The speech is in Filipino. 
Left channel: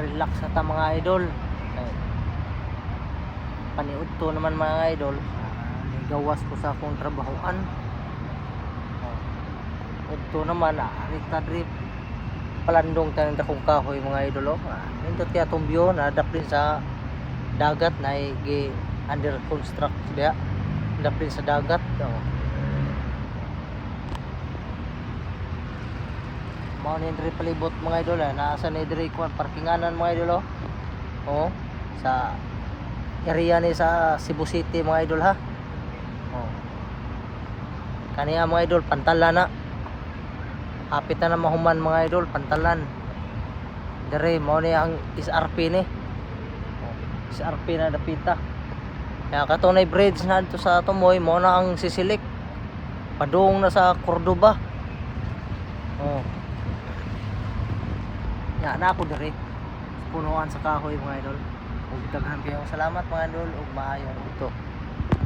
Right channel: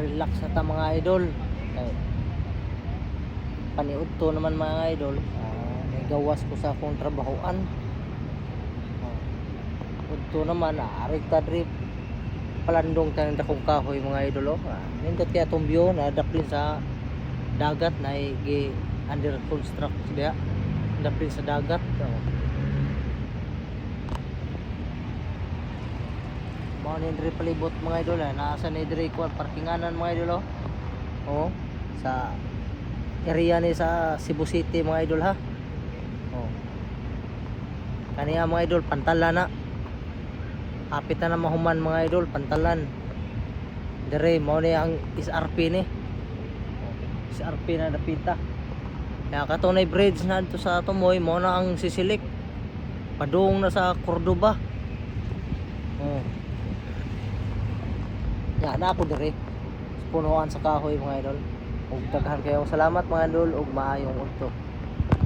relax na ta mga idol. Okay. Paniud to naman mga idol, may gawas ko sa akong trabahoan. Udto naman ari ta drip palandong tanang dakong kahoy mga idol. Nindot kaya tumbyo na dapli sa dagat na under construct diya. Dapli sa dagat. Mga nindri palibot mga idol, nasa nindri ko parkinganan mga idol. Sa area ni sa Cebu City mga idol ha. Kaniya mga idol pantalan na. Apit na mahuman mga idol, pantalan. Dire mo ni ang SRP ni. SRP na dapita. Kaya katunay bridge na dito sa Tumoy mo na ang sisilik. Padung na sa Cordoba. Ya na ako dire. Punuan sa kahoy mga idol. Ug daghan kayong salamat mga idol ug maayong udto.